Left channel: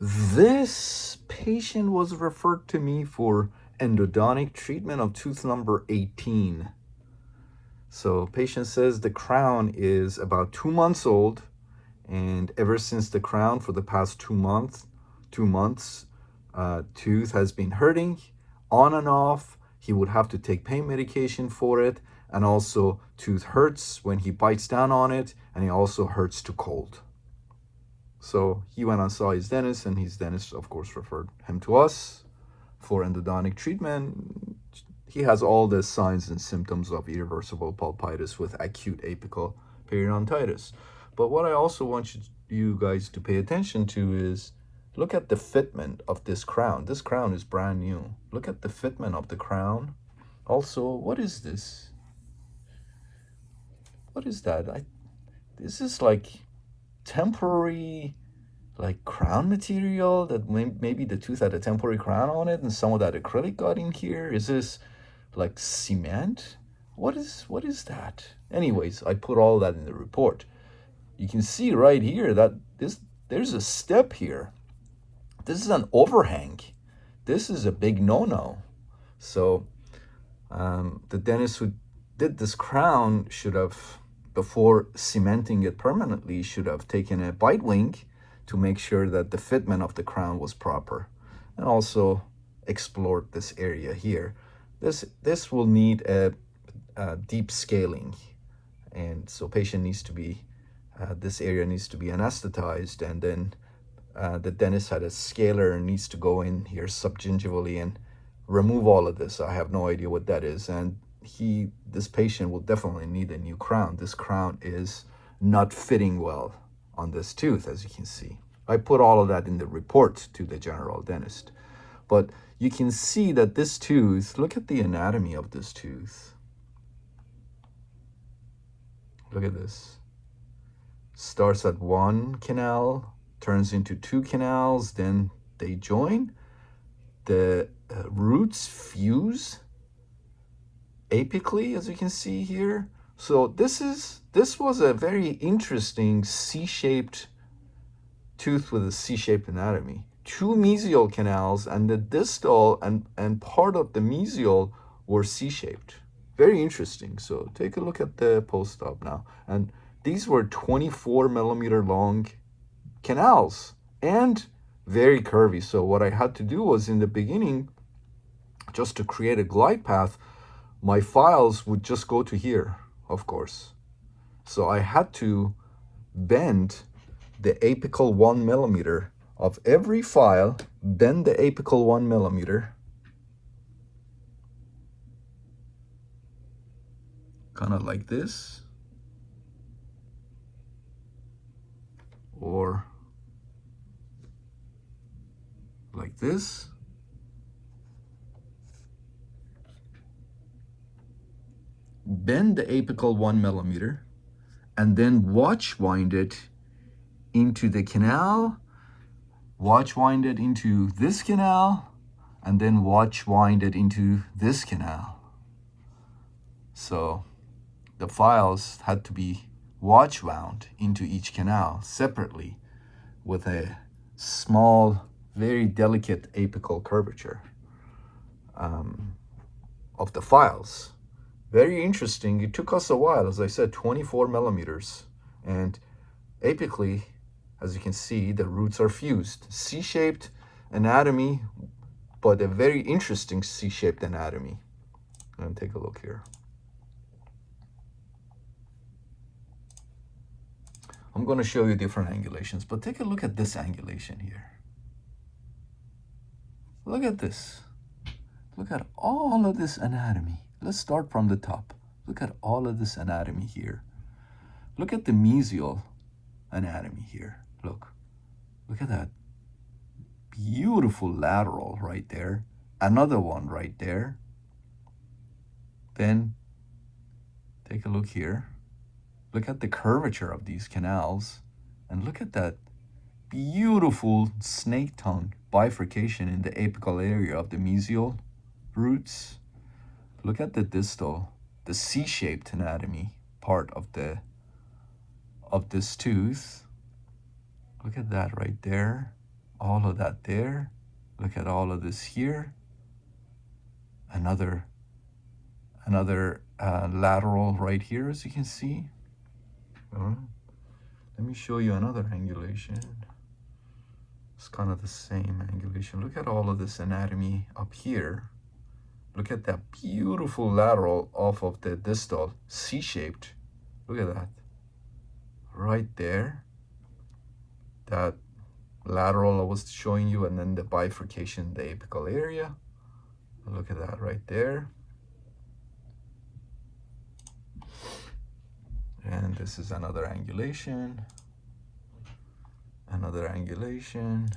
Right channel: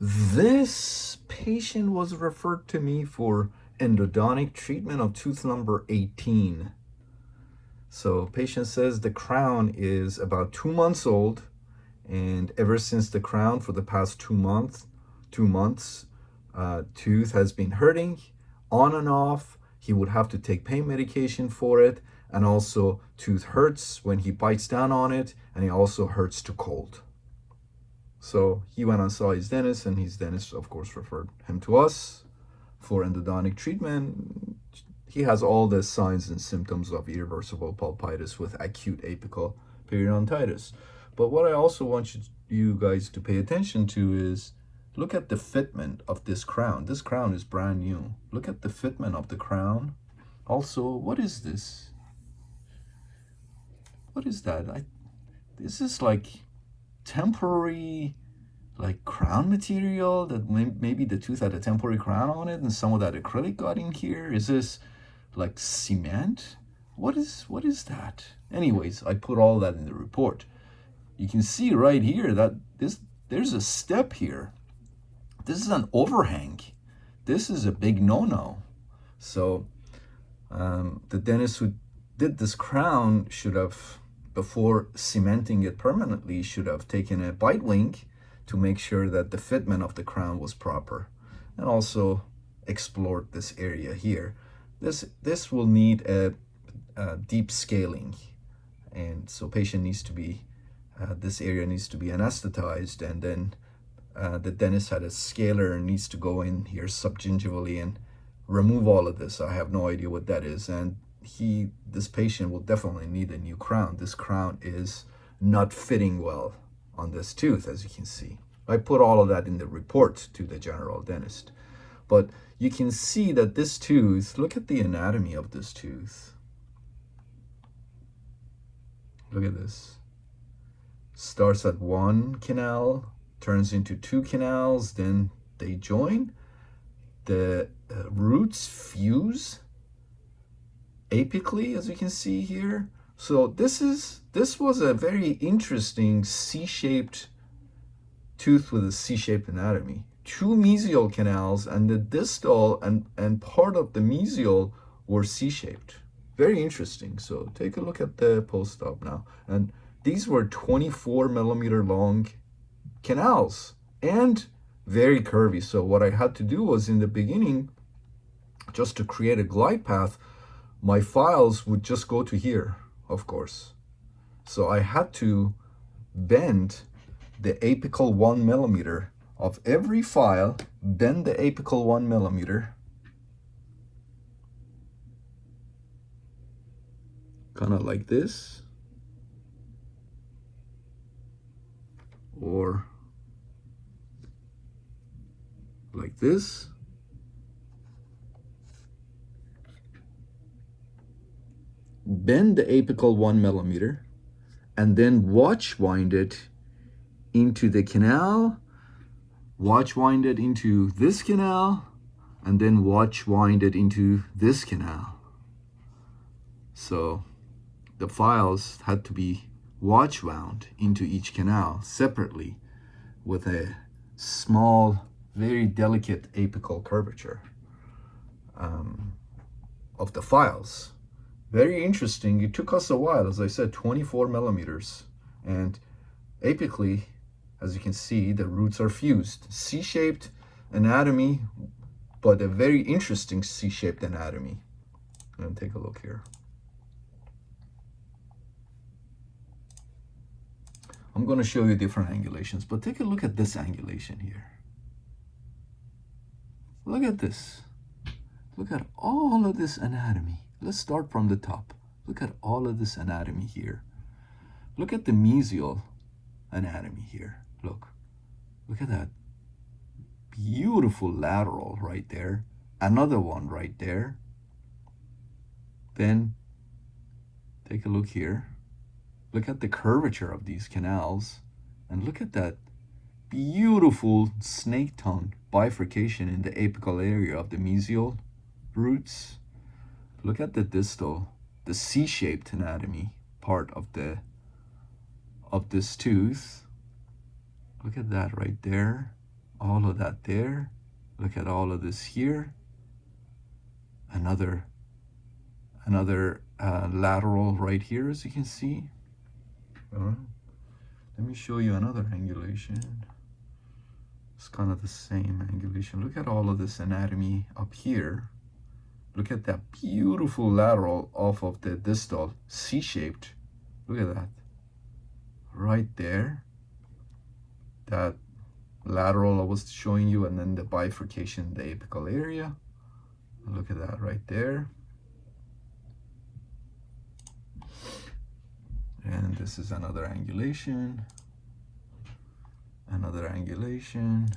This patient was referred to me for endodontic treatment of tooth number 18. So patient says the crown is about 2 months old, and ever since the crown for the past 2 months, tooth has been hurting on and off. He would have to take pain medication for it, and also tooth hurts when he bites down on it, and it also hurts to cold. So he went and saw his dentist, and his dentist, of course, referred him to us for endodontic treatment. He has all the signs and symptoms of irreversible pulpitis with acute apical periodontitis. But what I also want you guys to pay attention to is look at the fitment of this crown. This crown is brand new. Look at the fitment of the crown. Also, what is this? What is that? This is like temporary, like crown material that maybe the tooth had a temporary crown on it and some of that acrylic got in here. Is this like cement? What is that? Anyways, I put all that in the report. You can see right here that there's a step here. This is an overhang. This is a big no-no. So the dentist who did this crown should have, before cementing it permanently, should have taken a bite wing to make sure that the fitment of the crown was proper, and also explored this area here. This will need a deep scaling, and so patient needs to be this area needs to be anesthetized, and then the dentist had a scaler and needs to go in here subgingivally and remove all of this. I have no idea what that is, and this patient will definitely need a new crown. This crown is not fitting well on this tooth, as you can see. I put all of that in the report to the general dentist. But you can see that this tooth, look at the anatomy of this tooth. Look at this. Starts at one canal, turns into two canals, then they join. The roots fuse apically, as you can see here. So this was a very interesting C-shaped tooth with a C-shaped anatomy. Two mesial canals, and the distal and part of the mesial were C-shaped. Very interesting. So take a look at the post-op now. And these were 24 millimeter long canals and very curvy. So what I had to do was, in the beginning, just to create a glide path, my files would just go to here, of course. So I had to bend the apical 1 millimeter of every file, bend the apical 1 millimeter, kind of like this, or like this. Bend the apical 1 millimeter, and then watch wind it into the canal, watch wind it into this canal, and then watch wind it into this canal. So the files had to be watch wound into each canal separately with a small, very delicate apical curvature of the files. Very interesting. It took us a while, as I said, 24 millimeters. And apically, as you can see, the roots are fused. C-shaped anatomy, but a very interesting C-shaped anatomy. And take a look here. I'm going to show you different angulations, but take a look at this angulation here. Look at this. Look at all of this anatomy. Let's start from the top. Look at all of this anatomy here. Look at the mesial anatomy here. Look at that beautiful lateral right there. Another one right there. Then take a look here. Look at the curvature of these canals, and look at that beautiful snake tongue bifurcation in the apical area of the mesial roots. Look at the distal, the C-shaped anatomy part of this tooth. Look at that right there. all of that there. Look at all of this here. Another lateral right here, as you can see. Let me show you another angulation. It's kind of the same angulation. Look at all of this anatomy up here. Look at that beautiful lateral off of the distal, C-shaped. Look at that. Right there. That lateral I was showing you, and then the bifurcation, the apical area. Look at that right there. And this is another angulation. Another angulation.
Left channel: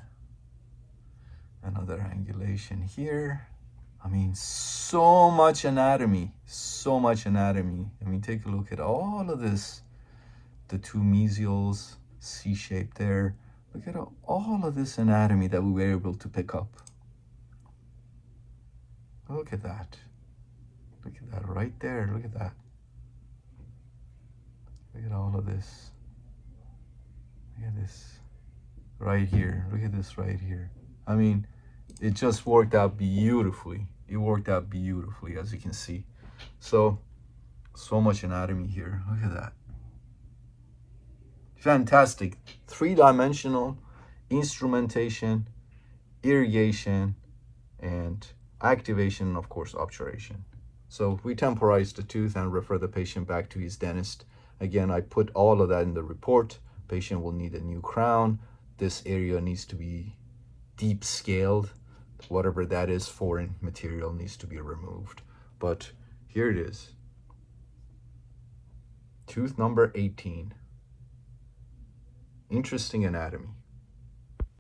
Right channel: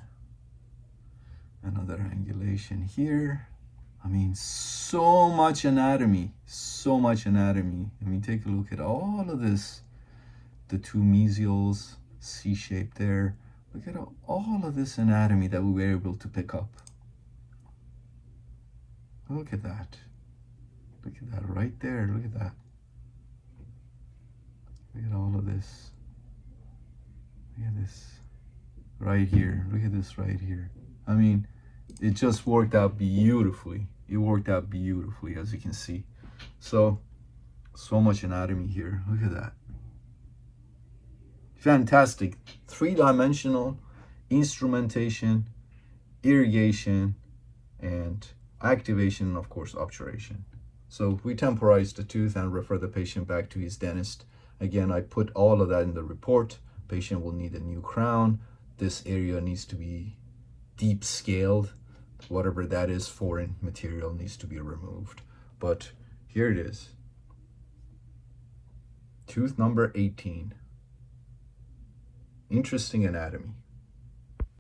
Another angulation here. I mean, so much anatomy, so much anatomy. I mean, take a look at all of this. The two mesials, C-shaped there. Look at all of this anatomy that we were able to pick up. Look at that. Look at that right there. Look at that. Look at all of this. Look at this right here. Look at this right here. I mean, it just worked out beautifully. It worked out beautifully, as you can see. So much anatomy here. Look at that. Fantastic. Three-dimensional instrumentation, irrigation, and activation, and of course, obturation. So we temporize the tooth and refer the patient back to his dentist. Again, I put all of that in the report. Patient will need a new crown. This area needs to be deep scaled. Whatever that is, foreign material needs to be removed. But here it is. Tooth number 18. Interesting anatomy.